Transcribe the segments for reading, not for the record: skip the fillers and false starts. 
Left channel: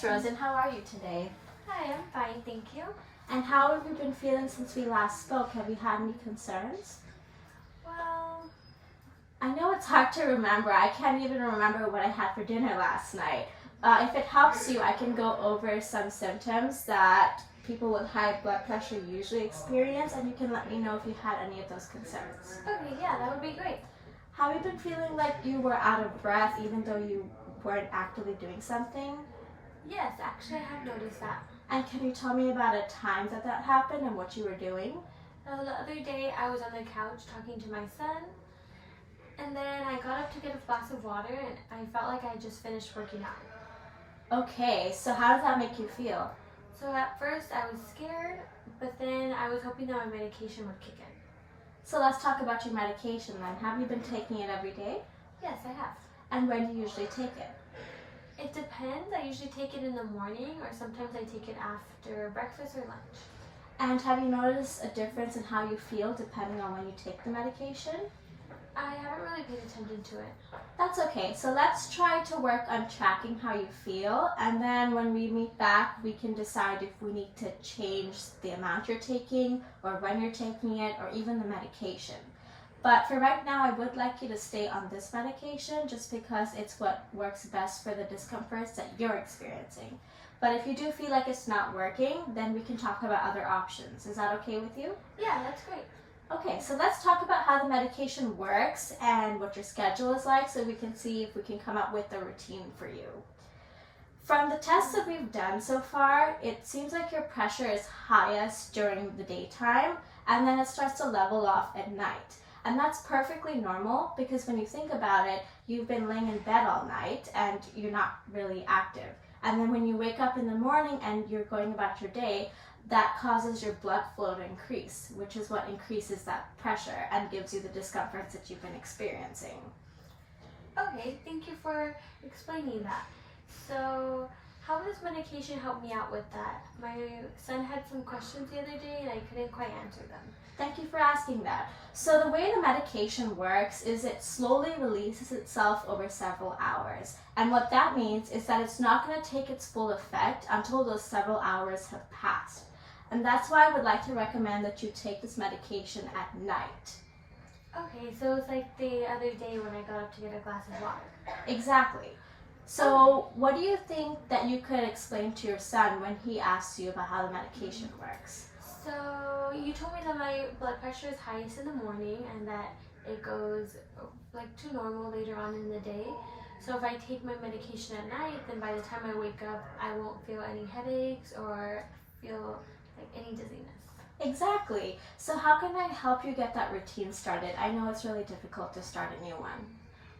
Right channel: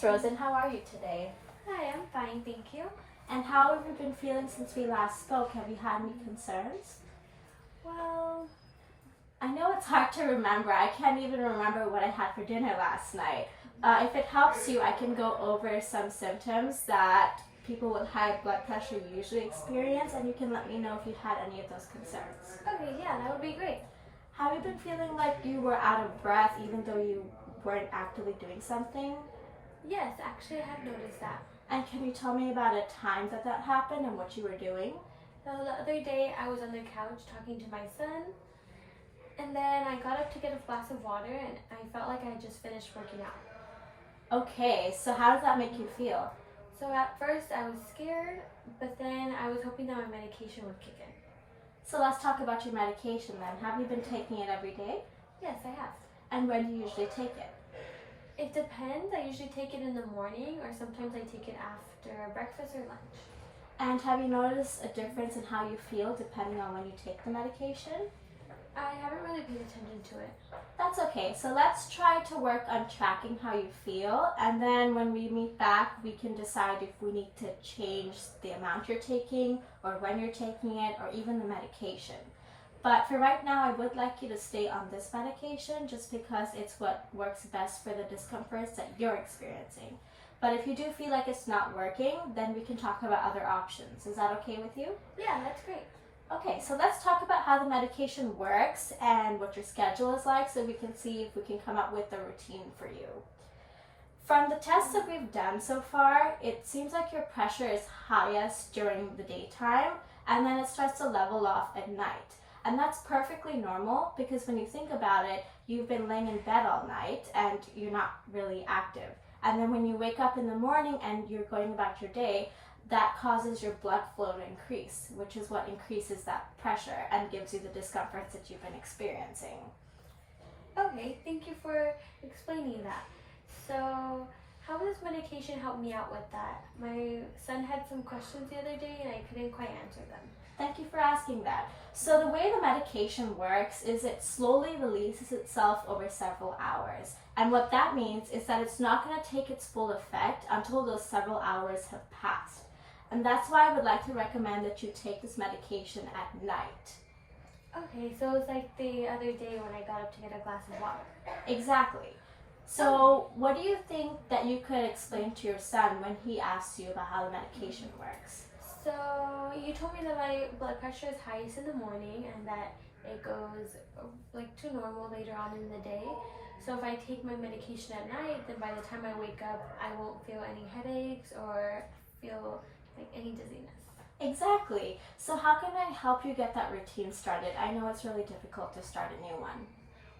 Miss Rosen, how are you today? Hi, I'm fine, thank you. And how have you been feeling since we last spoke? Have you had any concerns? Well, I know it's hard to remember. I can't even remember what I had for dinner last night. If it helps you, I can go over some symptoms that people with high blood pressure usually experience, and you can let me know if you had any of those concerns. okay, yeah, that would be great. Have you been feeling like you were out of breath even though you weren't actively doing something? Yes, actually, I have noticed that. And can you tell me about a time that happened and what you were doing? The other day, I was on the couch talking to my son, and then I got up to get a glass of water, and I felt like I had just finished working out. Okay, so how does that make you feel? So at first, I was scared, but then I was hoping that my medication would kick in. So let's talk about your medication then. Have you been taking it every day? Yes, I have. And when do you usually take it? It depends. I usually take it in the morning, or sometimes I take it after breakfast or lunch. And have you noticed a difference in how you feel depending on when you take the medication? I haven't really paid attention to it. That's okay. So let's try to work on tracking how you feel, and then when we meet back, we can decide if we need to change the amount you're taking, or when you're taking it, or even the medication. But for right now, I would like you to stay on this medication just because it's what works best for the discomforts that you're experiencing. But if you do feel like it's not working, then we can talk about other options. Is that okay with you? Yeah, that's great. Okay, so let's talk about how the medication works and what your schedule is like so we can see if we can come up with a routine for you. From the tests that we've done so far, it seems like your pressure is highest during the daytime and then it starts to level off at night. And that's perfectly normal because when you think about it, you've been laying in bed all night and you're not really active. And then when you wake up in the morning and you're going about your day, that causes your blood flow to increase, which is what increases that pressure and gives you the discomforts that you've been experiencing. Okay, thank you for explaining that. So, how does medication help me out with that? My son had some questions the other day and I couldn't quite answer them. Thank you for asking that. So the way the medication works is it slowly releases itself over several hours. And what that means is that it's not going to take its full effect until those several hours have passed. And that's why I would like to recommend that you take this medication at night. Okay, so it's like the other day when I got up to get a glass of water. Exactly. So what do you think that you could explain to your son when he asks you about how the medication works? So, you told me that my blood pressure is highest in the morning and that it goes like to normal later on in the day. So if I take my medication at night, then by the time I wake up, I won't feel any headaches or feel like any dizziness. Exactly. So how can I help you get that routine started? I know it's really difficult to start a new one.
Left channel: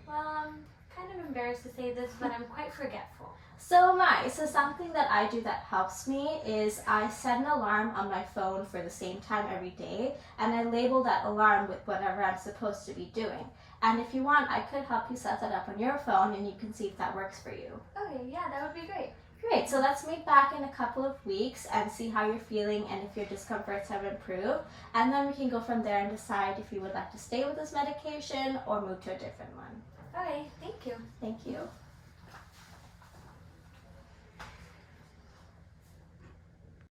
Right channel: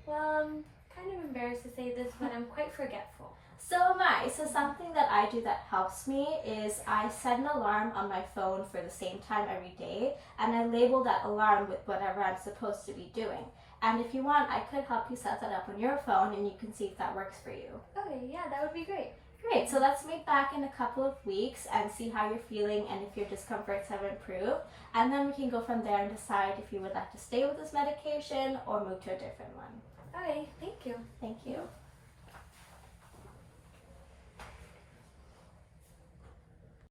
Well, I'm kind of embarrassed to say this, but I'm quite forgetful. So am I. So something that I do that helps me is I set an alarm on my phone for the same time every day, and I label that alarm with whatever I'm supposed to be doing. And if you want, I could help you set that up on your phone and you can see if that works for you. Okay, yeah, that would be great. Great, so let's meet back in a couple of weeks and see how you're feeling and if your discomforts have improved. And then we can go from there and decide if you would like to stay with this medication or move to a different one. Okay, thank you. Thank you.